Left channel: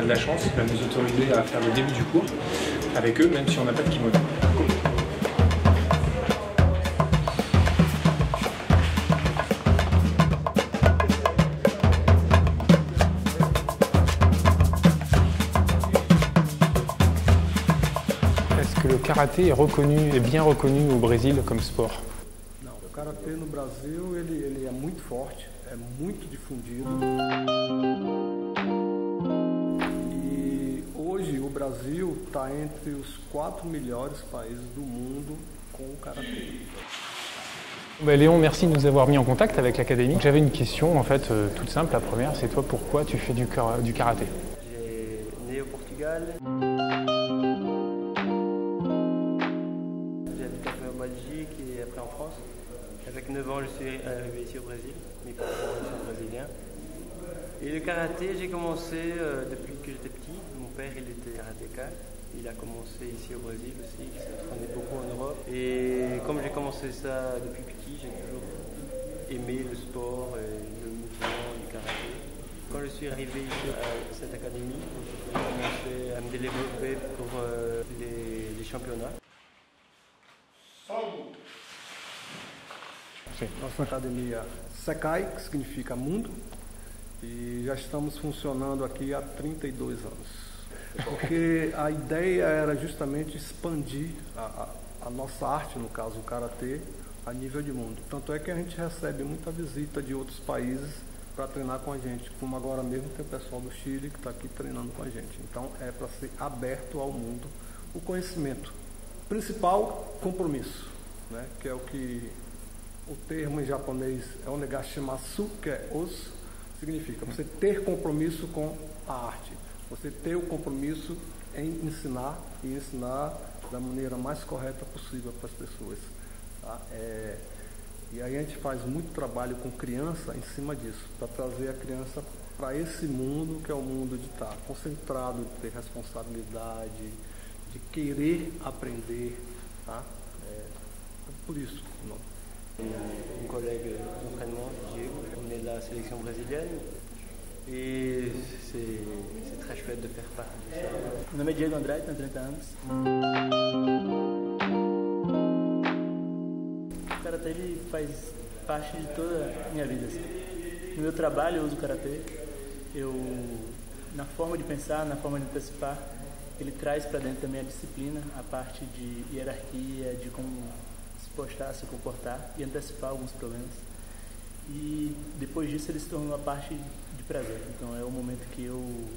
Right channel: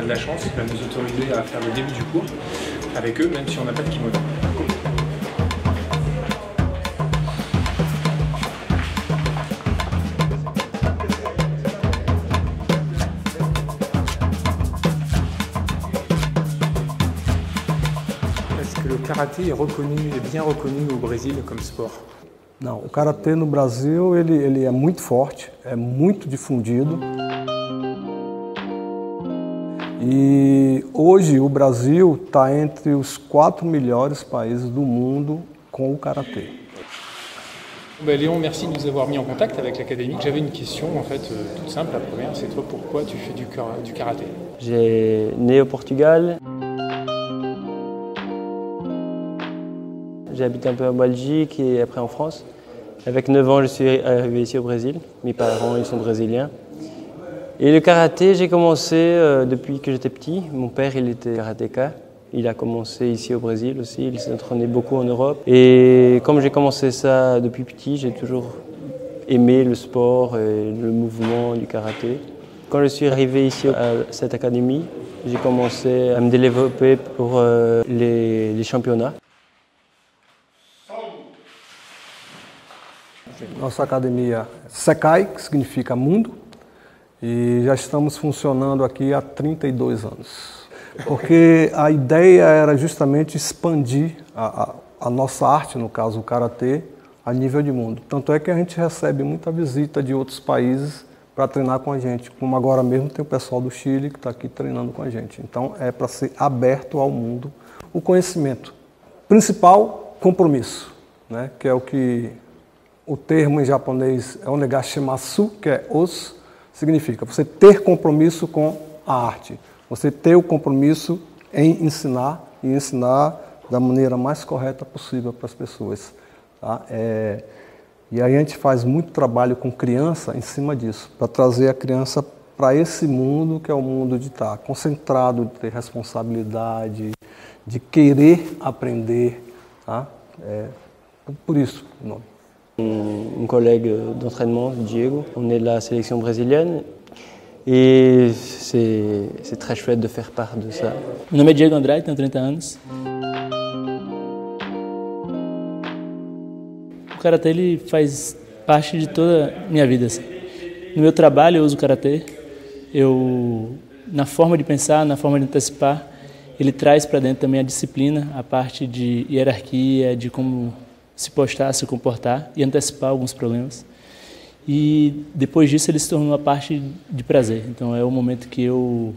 a de la chance, il va nous autoriser à faire le début du cours avec eux, même si on n'a pas de kimono. Le karaté est reconnu, est bien reconnu au Brésil comme sport? Não, o karatê no Brasil ele é muito forte, é muito difundido. E hoje o Brasil está entre os 4 melhores países do mundo com o karatê. Léon, merci de nous avoir mis en contact avec l'académie. J'avais une question en fait toute simple. La première, c'est toi, pourquoi tu fais du karaté? J'ai né au Portugal. J'ai habité un peu en Belgique et après en France. Avec 9 ans, je suis arrivé ici au Brésil. Mes parents, ils sont brésiliens. Et le karaté, j'ai commencé depuis que j'étais petit. Mon père, il était karatéka. Il a commencé ici au Brésil aussi. Il s'est entraîné beaucoup en Europe. Et comme j'ai commencé ça depuis petit, j'ai toujours aimé le sport et le mouvement du karaté. Quand je suis arrivé ici à cette académie, j'ai commencé à me développer pour les championnats. Nossa academia Sekai, que significa mundo, e já estamos funcionando aqui há 32 anos. Porque a ideia era justamente expandir a nossa arte, no caso o karatê, a nível de mundo. Tanto é que a gente recebe muita visita de outros países para treinar com a gente, como agora mesmo tem o pessoal do Chile que está aqui treinando com a gente. Então é para ser aberto ao mundo o conhecimento. Principal, compromisso, né? Que é o que o termo em japonês é onegashimasu, que é os, significa você ter compromisso com a arte. Você ter o compromisso em ensinar e ensinar da maneira mais correta possível para as pessoas. Tá? E aí a gente faz muito trabalho com criança em cima disso, para trazer a criança para esse mundo que é o mundo de estar concentrado, de ter responsabilidade, de querer aprender. Tá? Por isso o nome. Un collègue d'entraînement, Diego, on est de la sélection brésilienne et c'est très chouette de faire part de ça. Meu nome é Diego Andrade, tenho 30 anos. O karatê ele faz parte de toda a minha vida. Assim. No meu trabalho eu uso o karatê, na forma de pensar, na forma de antecipar, ele traz para dentro também a disciplina, a parte de hierarquia, de como se postar, se comportar e antecipar alguns problemas. E depois disso ele se tornou uma parte de prazer. Então é o momento que eu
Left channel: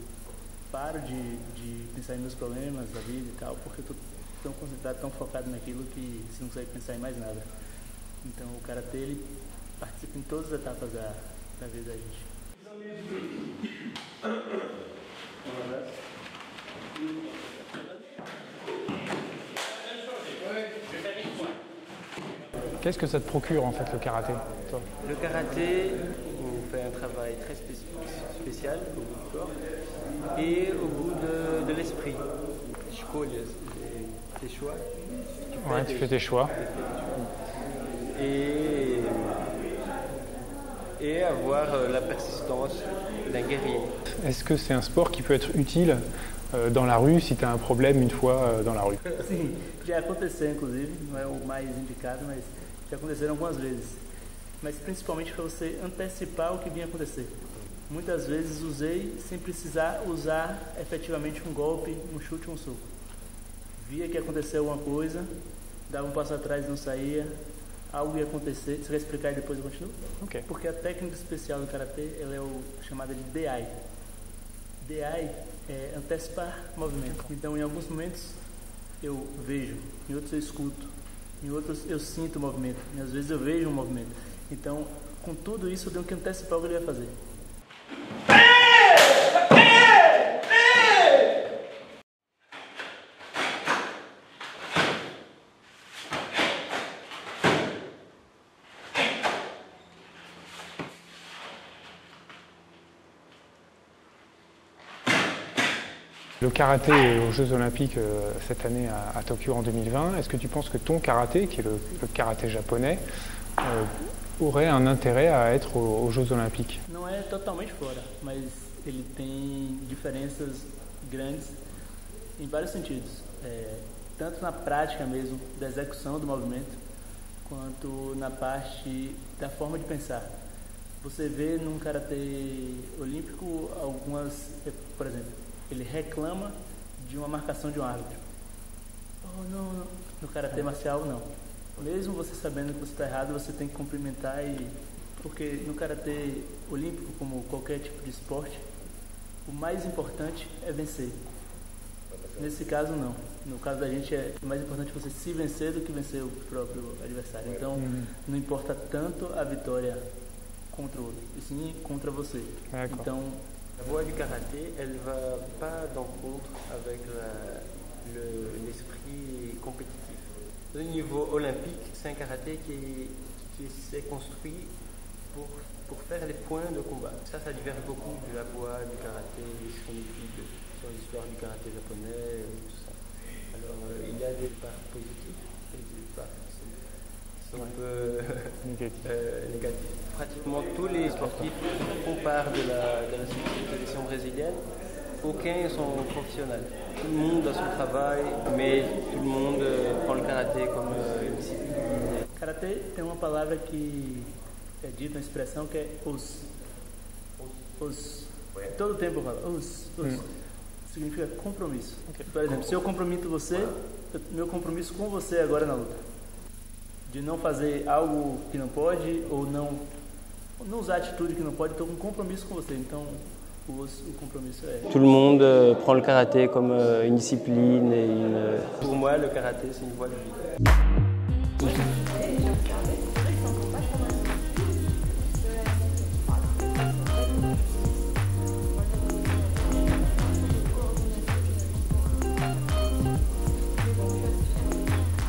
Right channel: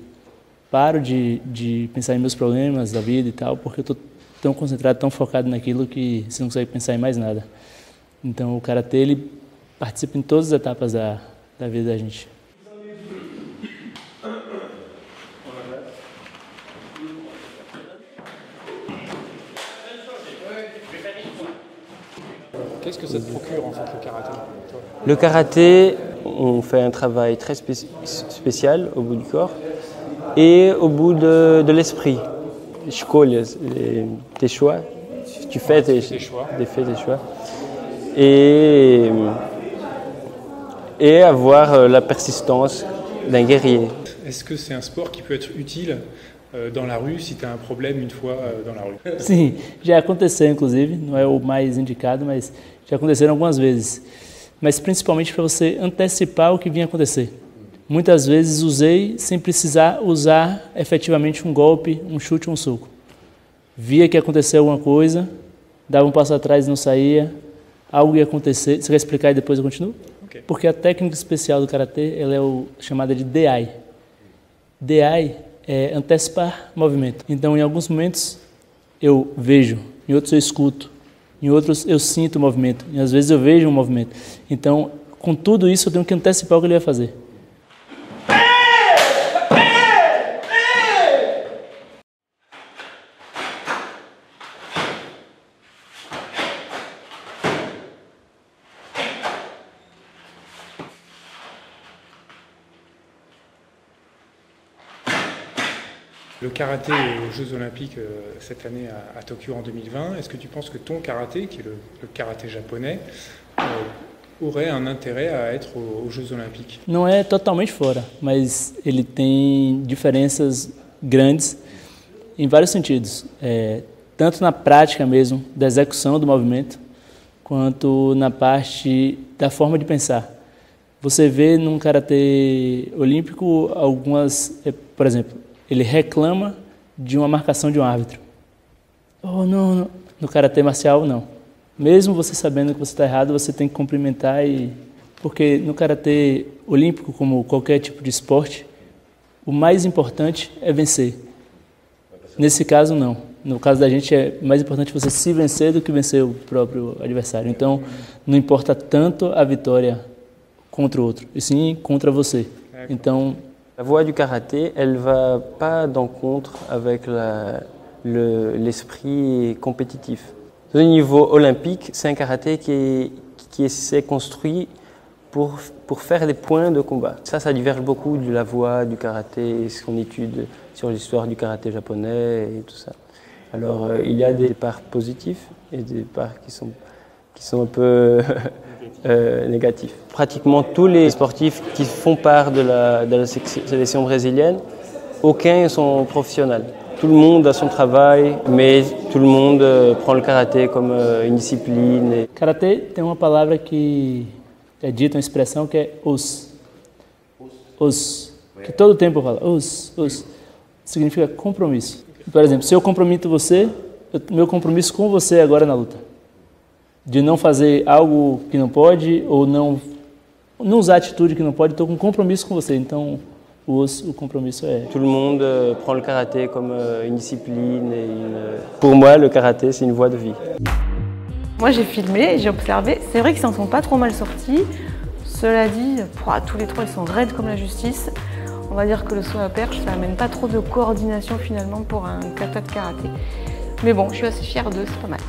paro de pensar em meus problemas da vida e tal, porque eu estou tão concentrado, tão focado naquilo que você não consegue pensar em mais nada. Então o karatê ele participa em todas as etapas da vida da gente. Qu'est-ce que ça te procure en fait le karaté? Le karaté, on fait un travail très spécial au bout du corps et au bout de l'esprit. Escolhas, tes choix, tu fais tes choix. Et avoir la persistance d'un guerrier. Est-ce que c'est un sport qui peut être utile dans la rue si tu as un problème une fois dans la rue? Sim, já aconteceu inclusive, não é o mais indicado, mas já aconteceram algumas vezes. Mas principalmente para você antecipar o que vinha acontecer. Muitas vezes usei sem precisar usar efetivamente um golpe, um chute ou um soco. Via que ia acontecer alguma coisa, dava um passo atrás e não saía, algo ia acontecer. Você quer explicar e depois eu continuo? Okay. Porque a técnica especial do karatê ela é chamada de DI. DI é antecipar movimento. Então, em alguns momentos eu vejo, em outros eu escuto, em outros eu sinto o movimento, e às vezes eu vejo um movimento. Então, com tudo isso, eu tenho que antecipar o que ele vai fazer. Le karaté aux Jeux Olympiques cette année à Tokyo en 2020, est-ce que tu penses que ton karaté, qui est le karaté japonais, aurait un intérêt à être aux Jeux Olympiques? Não é totalmente fora, mas ele tem diferenças grandes em vários sentidos. Tanto na prática mesmo, da execução do movimento, quanto na parte da forma de pensar. Você vê num karatê olímpico algumas, por exemplo, ele reclama de uma marcação de um árbitro. Oh, não, não. No karatê marcial, não. Mesmo você sabendo que você está errado, você tem que cumprimentar porque no karatê olímpico, como qualquer tipo de esporte, o mais importante é vencer. Nesse caso, não. No caso da gente, é mais importante você se vencer do que vencer o próprio adversário. Então, não importa tanto a vitória contra o outro, e sim contra você. Então, la voie du karaté, elle va pas d'encontre avec l'esprit compétitif. Au niveau olympique, c'est un karaté qui s'est construit pour faire des points de combat. Ça diverge beaucoup de la voie du karaté, ce qu'on étude sur l'histoire du karaté japonais et tout ça. Alors, il y a des parts positifs et des parts qui sont un peu négatifs. Pratiquement tous les sportifs qui font part de la sélection brésilienne, aucun sont professionnels. Tout le monde a son travail, mais tout le monde prend le karaté comme une discipline. Karatê tem uma palavra que é dita, uma expressão que é os. Que todo tempo eu falo, os. Significa compromisso. Por exemplo, se eu comprometo você, meu compromisso com você agora na luta. De não fazer algo que não pode, ou não usar atitude que não pode, estou com compromisso com você. Então, o compromisso é... Tout le monde prend le karaté comme une discipline. Pour moi, le karaté, c'est une voie de vie. Moi, j'ai filmé, j'ai observé. C'est vrai qu'ils s'en sont pas trop mal sortis. Cela dit, tous les trois, ils sont raides comme la justice. On va dire que le saut à perche, ça n'amène pas trop de coordination finalement pour un kata de karaté. Mais bon, je suis assez fière d'eux, c'est pas mal.